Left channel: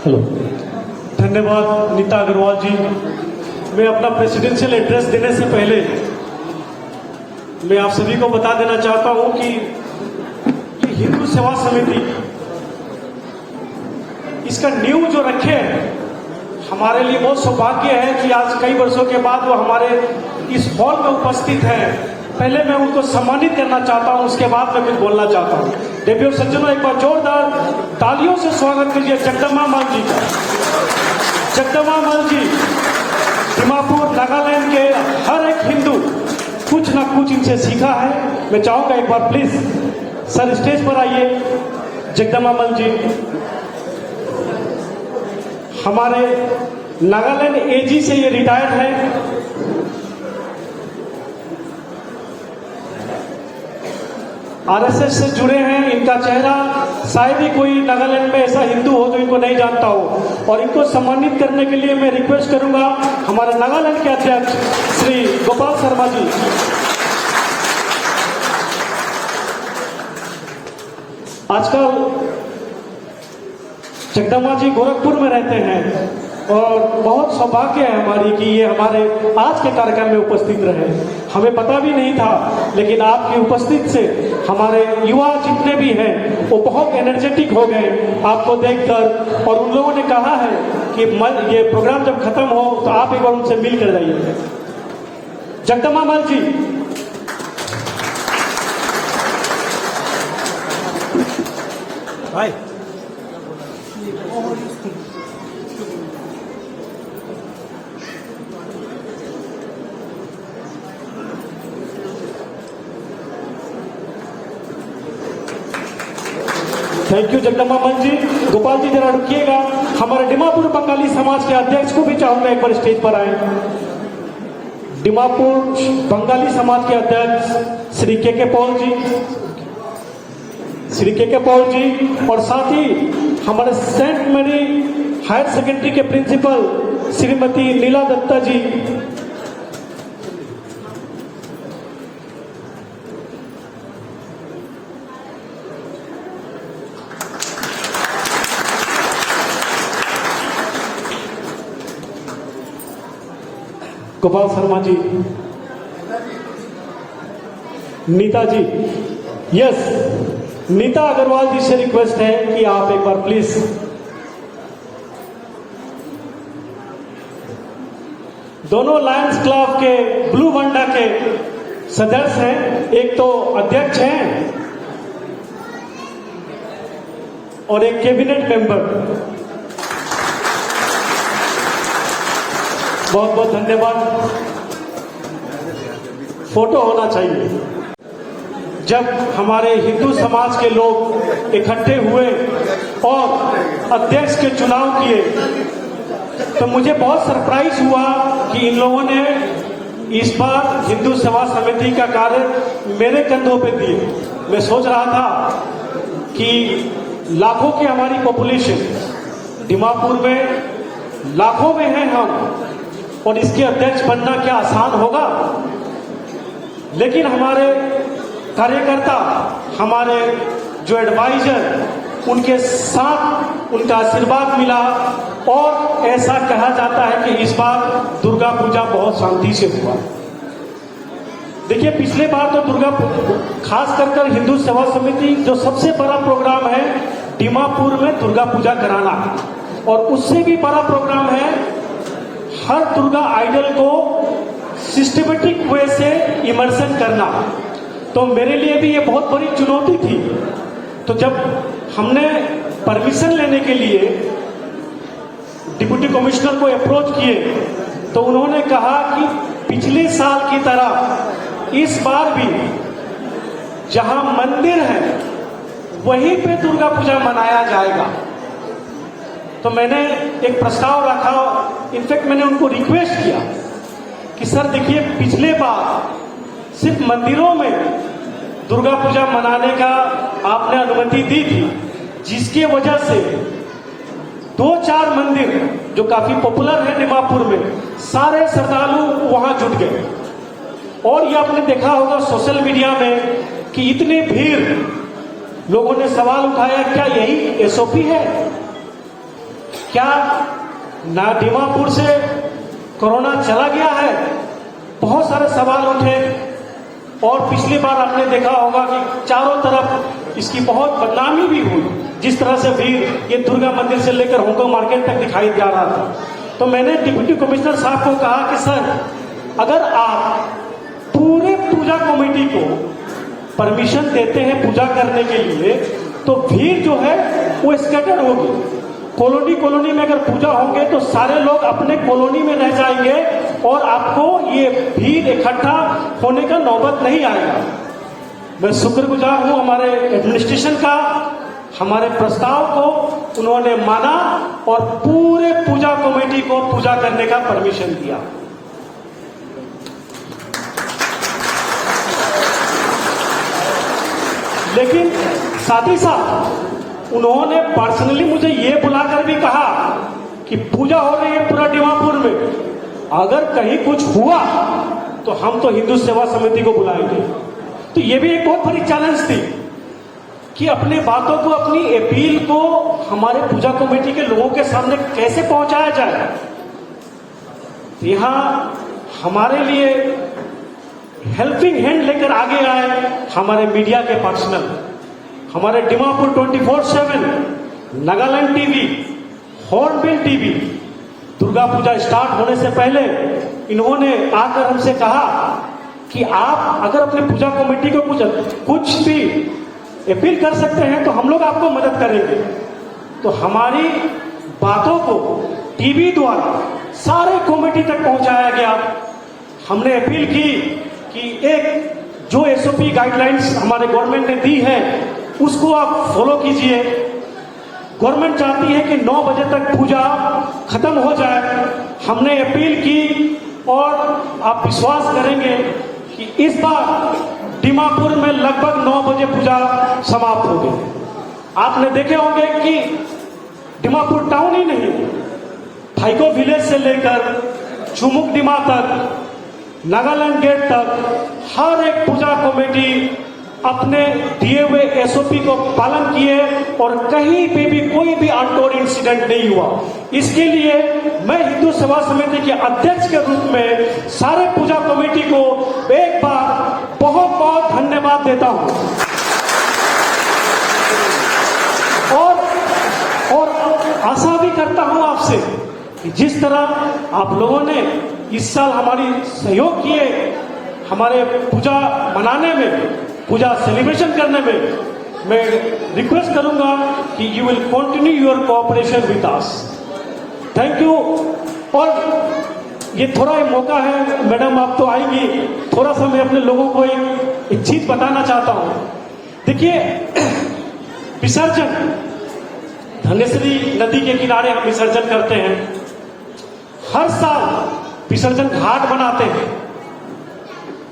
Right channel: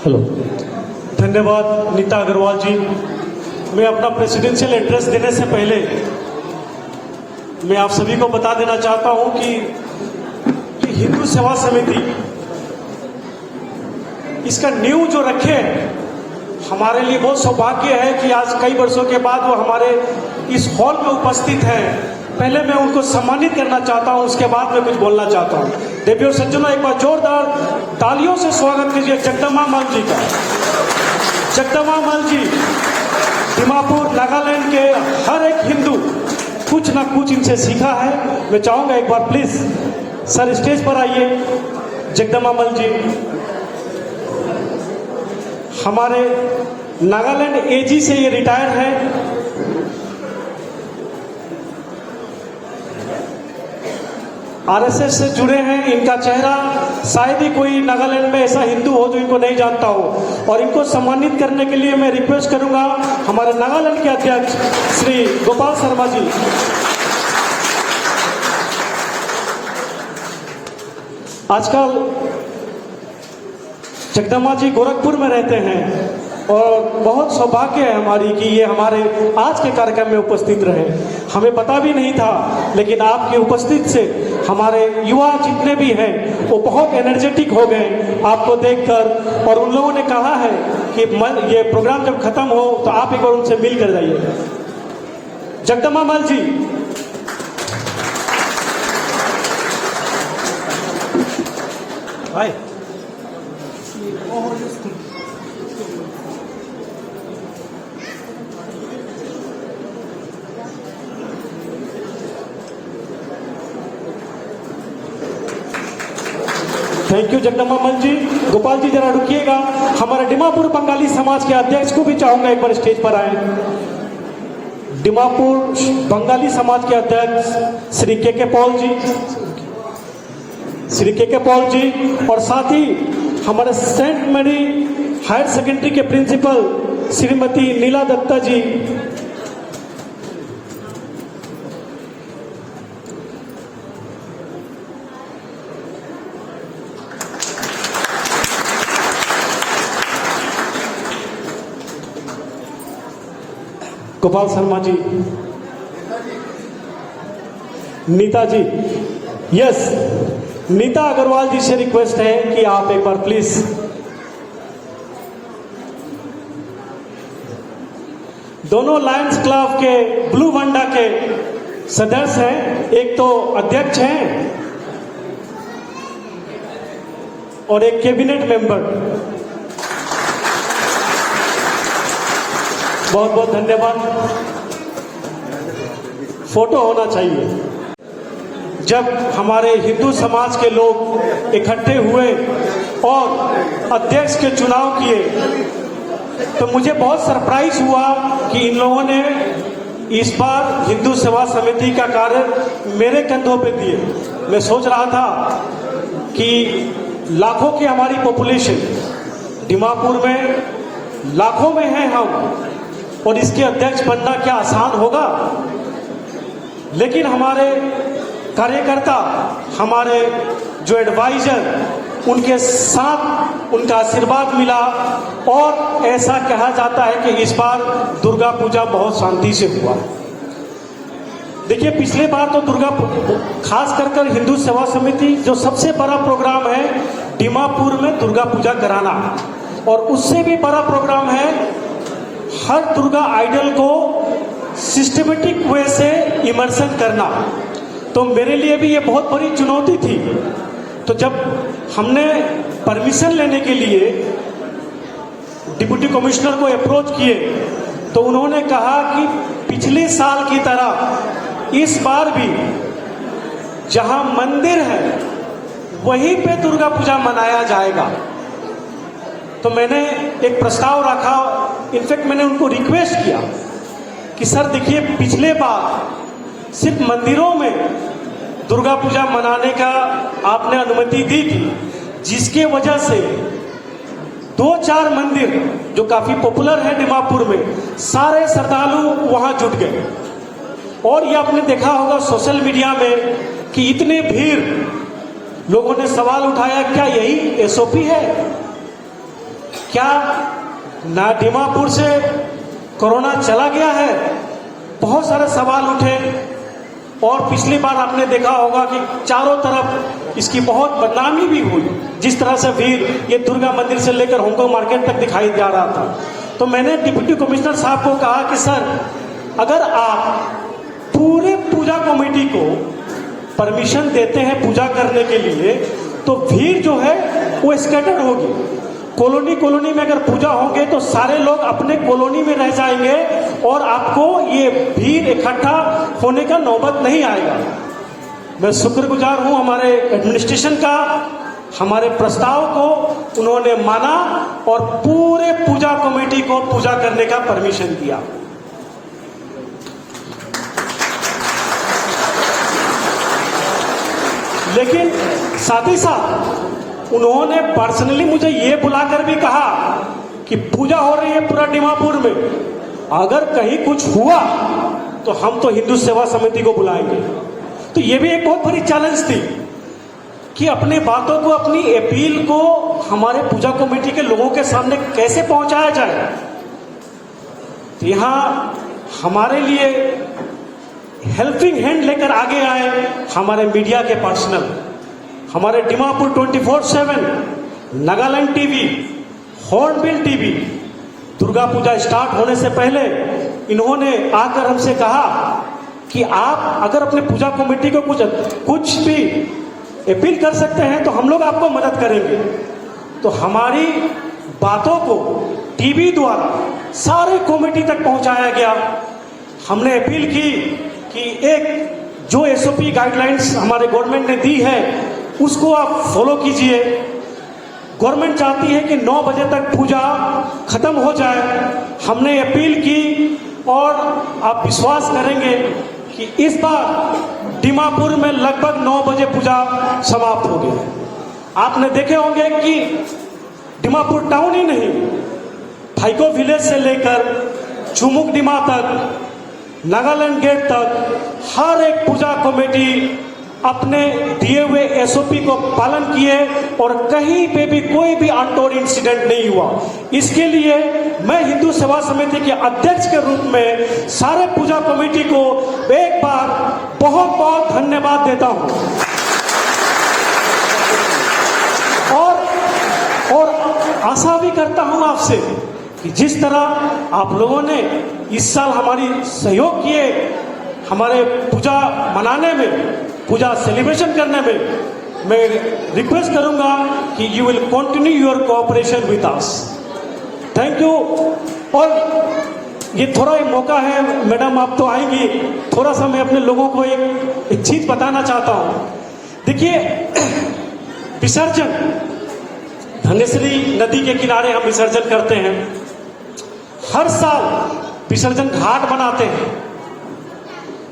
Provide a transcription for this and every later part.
Hello, धन्यवाद नीता अग्रवाल जी। मैं अपना प्रेसिडेंशियल एड्रेस देने से पहले मैं आप सभी को बता देना चाहता हूं कि हिंदू सेवा समिति इसका नींव जो रखे हमारे लिए बहुत सौभाग्य है कि आज कई वर्षों के बाद वो हमारे इस हॉल में उपस्थित है। पहले मैं उनको सम्मानित करना चाहता हूं, उसके बाद मैं कुछ बोलना चाहता हूं। देवियों सज्जनों, एक बार जोरदार तालियों से स्वागत कीजिए जगदम्बा माल जी का। जगदम्बा माल जी दिमापुर नागालैंड के हर एक हिंदू कुछ ना कुछ इनसे सीखा है। मैं चाहूंगा एक बार प्लीज सर स्टेज पर आइए। जगदम्बा माल जी हमारे नागालैंड एजी से ये रिटायर है। आरएसएस से जुड़े हैं। इनका चेहरा शायद ही कोई नागालैंड में ऐसा हिंदू हो जो इनको नहीं जानता हो। और इनको सम्मानित करने के लिए मैं रिक्वेस्ट करूंगा हमारे नागालैंड के अध्यक्ष श्री गोपाल शर्मा जी। आजकल जगदम्बा जी गोरखपुर में रहते हैं और बहुत सौभाग्य है हमारी कि ये हमारे आज के कार्यक्रम में उपस्थित रहे। हमें पता भी नहीं था, लेकिन आपकी उपस्थित से हमारे युवा जितने भी हैं वो बहुत एनर्जेटिक हो गए आपको देखकर। और उन लोगों ने कहा है कि ये प्रोग्राम जब खत्म हो तो आप एक बार उनसे मिल कर जाइए। जगदम्बा माल जी, हाय। थैंक यू जगदम्बा माल जी। गोपाल जी जरा रुकिएगा। हमारे दिमापुर बंगाली समाज के अध्यक्ष को भी चाहूंगा एक बार स्टेज पर आए। दिमापुर बंगाली समाज के अध्यक्ष श्री के पॉल जी, श्री के पॉल जी, और साथ ही हमारे सेंट मैरी हायर सेकेंडरी के प्रिंसिपल श्रीमती नीला दत्ता जी, गोपाल शर्मा जी, नीता जी, यस, नीता अग्रवाल जी से रिक्वेस्ट है कि आप एक बार प्लीज। दोनों लायंस क्लब के ब्लू वंडा के सदस्य हैं, एक तो अध्यक्ष हैं और एक कैबिनेट मेंबर। बहुत बहुत धन्यवाद। फोटो होना चाहिए। जब हमारे हिंदू समाज के लोग इकट्ठे हुए और अध्यक्ष के चुनाव किए तो मुझे बहुत सरप्राइज हुआ कि इन लोगों ने इस बार हिंदू सेवा समिति का कार्य मेरे कंधों पे दिए। मैं सोच रहा था कि लाखों की हमारी पॉपुलेशन दिमापुर में लाखों में है हम, और इसके अध्यक्ष बनना क्या आसान होगा। लेकिन हमारे कार्यकर्ता, हमारे जो एडवाइजर, उनके साथ उनका आशीर्वाद मिला और ऐसा कहा जाता है कि इस बार दुर्गा पूजा बहुत शांति से हुआ। देखिए, पिछले बार तो दुर्गा खास कर हिंदू सेवा समिति जो सबसे बड़ा प्रोग्राम है दिमापुर में दुर्गा पूजा कराना, और उससे भी बड़ा प्रोग्राम है हर दुर्गा आइडल को सिस्टमेटिक वे से इमर्शन करना। तो मेरे लिए भी ये बहुत बड़ी चुनौती थी। तो जब हमने परमिशन लेने के लिए डिप्टी कमिश्नर को अप्रोच किए तो उन्होंने कहा कि पिछले साल की तरह इस बार भी जहां मंदिर है वहीं पे दुर्गा पूजा मनाया जाएगा। तो मैंने एक प्रस्ताव रखा। इनफैक्ट मैंने उनको रिक्वेस्ट किया कि सर देखिए, पिछले बार सिर्फ मंदिरों में दुर्गा पूजा मनाने का आपने अनुमति दी थी, जिसके वजह से 2-4 मंदिर जो काफी पॉपुलर है दिमापुर में, सारे श्रद्धालु वहां जुट गए। और ये आपने देखा होगा सोशल मीडिया में कि इतने भीड़ लोगों ने सवाल उठाया, क्या यही एसओपी है? क्या ना दीमापुर से कोरोना चला गया है? बहुत सारे सवाल उठे और पिछली बार आपने देखा होगा कि चारों तरफ इसकी बहुत बदनामी भी हुई। जिस तरह से भीड़ ये दुर्गा मंदिर से लेकर होंगो मार्केट तक दिखाई जा रहा था। तो मैंने डिप्टी कमिश्नर साहब को कहा कि सर, अगर आप पूरे पूजा कमेटी को परमिशन देते हैं पूजा करने के लिए, तो भीड़ जो है वो स्कैटर होगी। कॉलोनी कॉलोनी में अगर पूजा होंगे तो सारे लोग अपने कॉलोनी में रह जाएंगे और आपको ये भीड़ इकट्ठा होने का नौबत नहीं आएगा। मैं शुक्रगुजार हूं हमारे एडमिनिस्ट्रेशन का, हमारे प्रस्ताव को उन्होंने माना और पूरे पूजा कमेटी को पूजा करने का परमिशन दिया। लेकिन साथ ही साथ उन्होंने पर्सनली मुझे ये बुलाकर भी कहा कि पूजा हो रही है पूरा दीमापुर में, अगर कहीं कुछ हुआ तो हम तो हिंदू सेवा समिति को बुलाएंगे। तो ये भी एक बहुत बड़ी चैलेंज थी कि अपनी बातों को, अपनी अपील को हमारे पूजा कमेटी के लोगों के सामने कैसे पहुंचाया जाए। तो यहां हमारे लिए हेल्पिंग हैंड लेकर आगे आए हमारे मीडिया के पर्सनल, हमारे Dimapur 24/7, Nagaland TV, Hornbill TV. Durga Puja start होने से पहले इन्होंने आकर हमसे कहा कि आप अगर अपने पूजा कमेटी को कुछ भी अपील कर सकते हैं तो हम लोग आपको मदद करेंगे। तो हमारी बातों को टीवी द्वारा सारे कमेटी तक पहुंचाया गया। हमने अपील की कि एक जो एसओपी गाइडलाइंस हमारे गवर्नमेंट ने दी है उसको आप फॉलो कीजिए। गवर्नमेंट चाहती है कि 9 बजे तक पूजा खत्म हो जाए। हमने अपील की और आप विश्वास करेंगे कि इस बार दीमापुर में लगभग 9 बजे पूजा समाप्त हो गई। आपने देखे होंगे कि दीमापुर टाउन ही नहीं, थाइको विलेज से लेकर चुमुक दीमा तक, नागालैंड गेट तक हर एक पूजा कमेटी अपने दिए हुए एसओपी को पालन किए और कहीं पे भी कोई भी अनटोन इंसिडेंट नहीं हुआ। इसके लिए मैं हिंदू सेवा समिति के अध्यक्ष के रूप में सारे पूजा कमेटी को एक बार बहुत बहुत धन्यवाद देता हूं और आशा भी करता हूं आपसे कि जिस तरह आप लोगों ने इस साल हमारी सहयोग किए हमारे पूजा मनाने में, पूजा सेलिब्रेशन करने में, मैं रिक्वेस्ट करूंगा कि you will continue your cooperation with us. Thank you. और ये थोड़ा एक मौका है, मैडम आप तो आएंगी, थोड़ा सा मैं अपने लोगों को एक चीज बताना चाहता हूं। देखिए, विसर्जन धनेश्वरी नदी के किनारे हम विसर्जन करते हैं। हर साल विसर्जन घाट बनाते हैं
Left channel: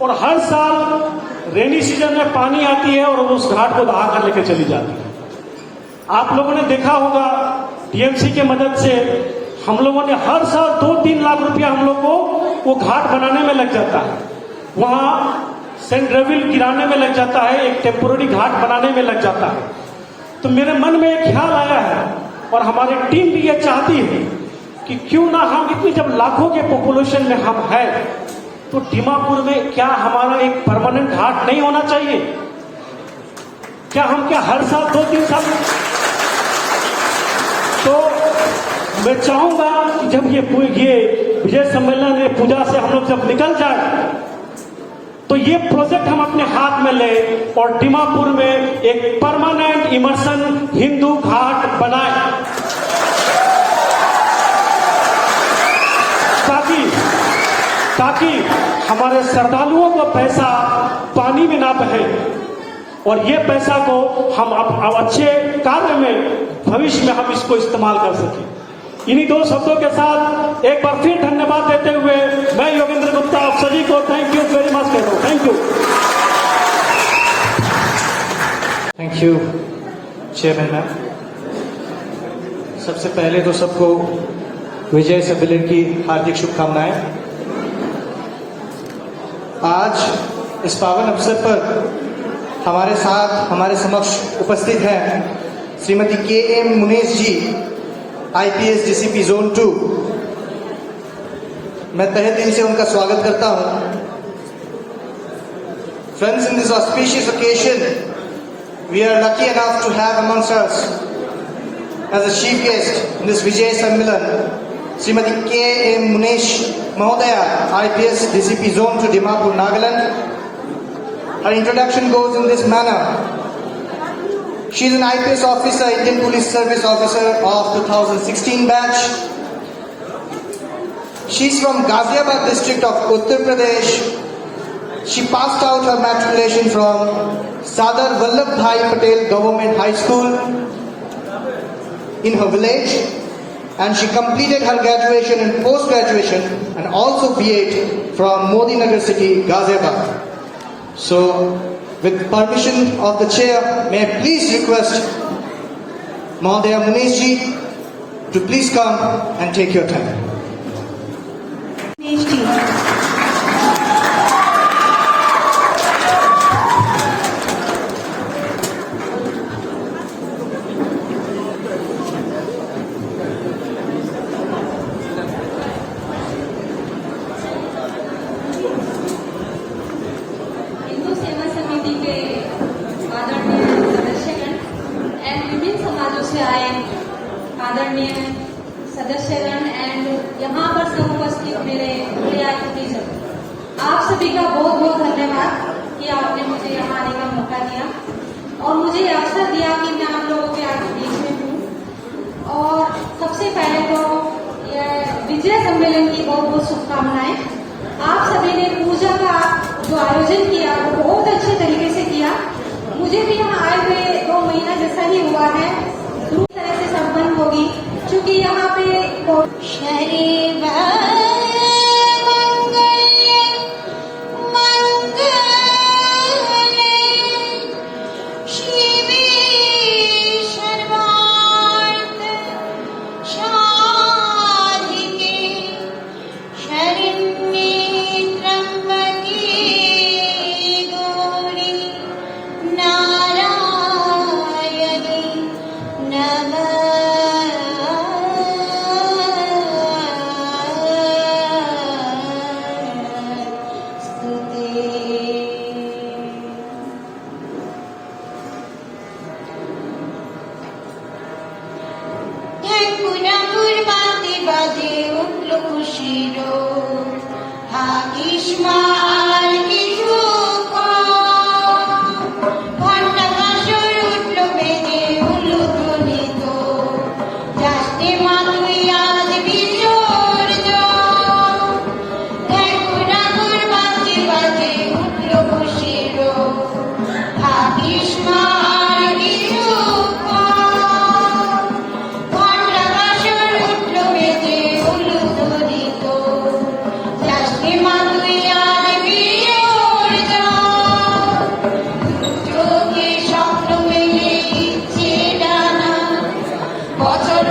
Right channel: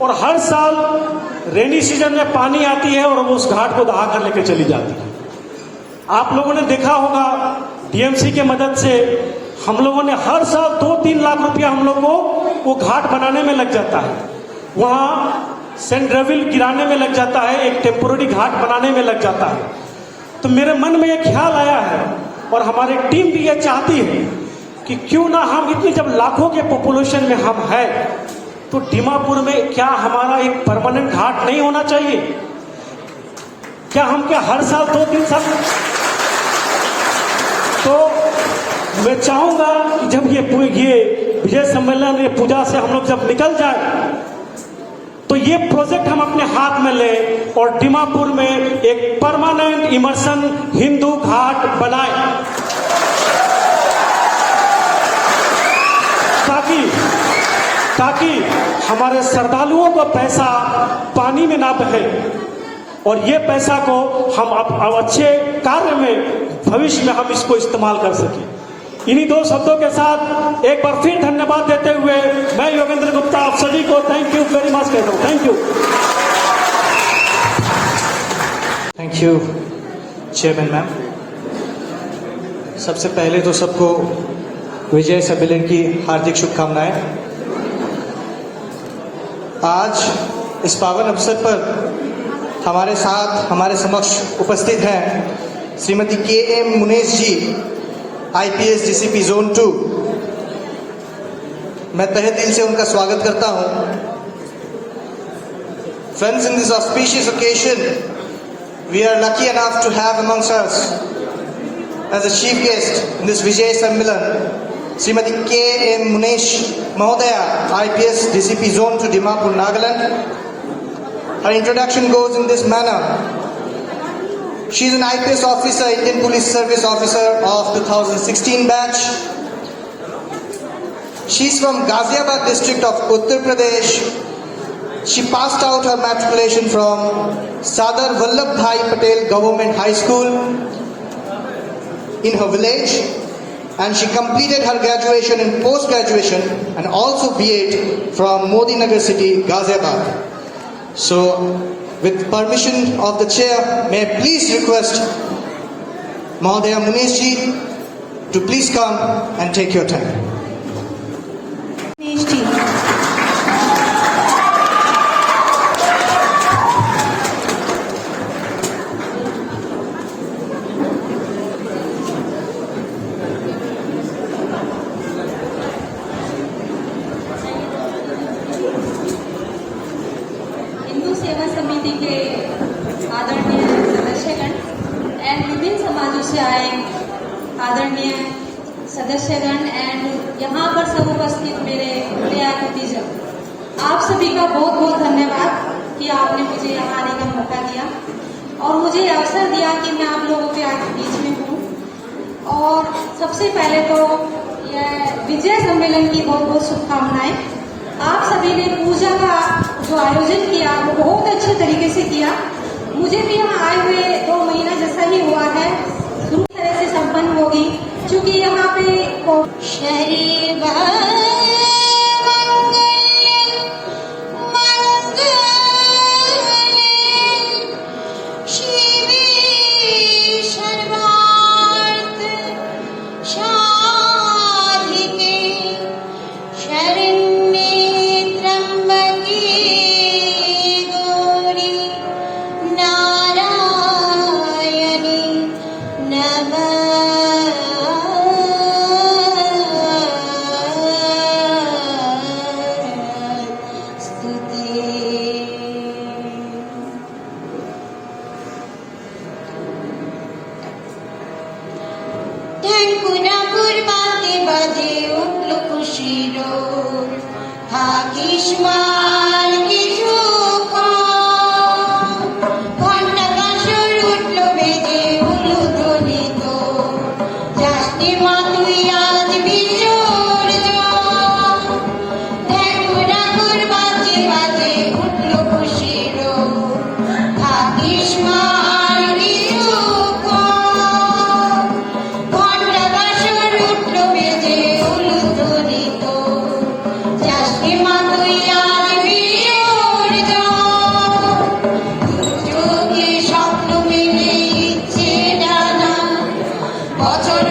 और हर साल रेनी सीजन में पानी आती है और उस घाट को बहा कर लेकर चली जाती है। आप लोगों ने देखा होगा टीएमसी के मदद से हम लोगों ने हर साल 2-3 लाख रुपया हम लोग को वो घाट बनाने में लग जाता है, वहां सेंट रेविल गिराने में लग जाता है, एक टेम्पोररी घाट बनाने में लग जाता है। तो मेरे मन में एक ख्याल आया है और हमारी टीम भी ये चाहती है कि क्यों ना हम इतनी, जब लाखों के पॉपुलेशन में हम हैं, तो दीमापुर में क्या हमारा एक परमानेंट घाट नहीं होना चाहिए? क्या हर साल 2-3 साल? तो मैं चाहूंगा कि जब ये विजय सम्मेलन में पूजा से हम लोग जब निकल जाए तो ये प्रोजेक्ट हम अपने हाथ में लें और दीमापुर में एक परमानेंट इमर्शन हिंदू घाट बनाए, ताकि हमारे श्रद्धालुओं का पैसा पानी में ना बहे और ये पैसा को हम अब अच्छे कार्य में भविष्य में हम इसको इस्तेमाल कर सकें। इन्हीं 2 शब्दों के साथ एक बार फिर धन्यवाद देते हुए मैं योगेंद्र गुप्ता आप सभी को थैंक यू वेरी मच कहता हूं। Thank you. Thank you chairman ma'am. सबसे पहले तो सबको विजय सम्मेलन की हार्दिक शुभकामनाएं। आज इस पावन अवसर पर हमारे साथ, हमारे समक्ष उपस्थित हैं श्रीमती के.एम. मुनेश जी, IPS DCP Zone 2, मैं तहे दिल से उनका स्वागत करता हूं। Friends, in this auspicious occasion, we are lucky enough to have amongst us as a chief guest in this Vijay Sammilan, Srimati K. M. Munesh Mahodaya, IPS DCP Zone 2, Dimapur, Nagaland. Her introduction goes in this manner. She is an IPS officer, Indian Police Service Officer of 2016 batch. She is from Ghaziabad district of Uttar Pradesh. She passed out her matriculation from Sardar Vallabhbhai Patel Government High School in her village, and she completed her graduation and post-graduation and also B.Ed from Modi Nagar city, Ghaziabad. So, with permission of the chair, may I please request Mahodaya Munesh ji to please come and take your time. Hindu सेवा समिति के आदरणीय सदस्यगण and विभिन्न समाजों से आए आदरणीय सदस्यगण and यहाँ पर सब उपस्थित मेरे प्रिय अतिथिजन, आप सभी का बहुत बहुत धन्यवाद कि आपने मुझे यहाँ आने का मौका दिया और मुझे ये अवसर दिया कि मैं आप लोगों के आगे बीच में हूँ। और सबसे पहले तो ये विजय सम्मेलन की बहुत बहुत शुभकामनाएं। आप सभी ने पूजा का जो आयोजन किया वो बहुत अच्छे तरीके से किया। मुझे भी यहाँ आए हुए 2 महीना जैसा ही हुआ है, पूरी तरह से संपन्न होगी क्योंकि यहाँ पे বছর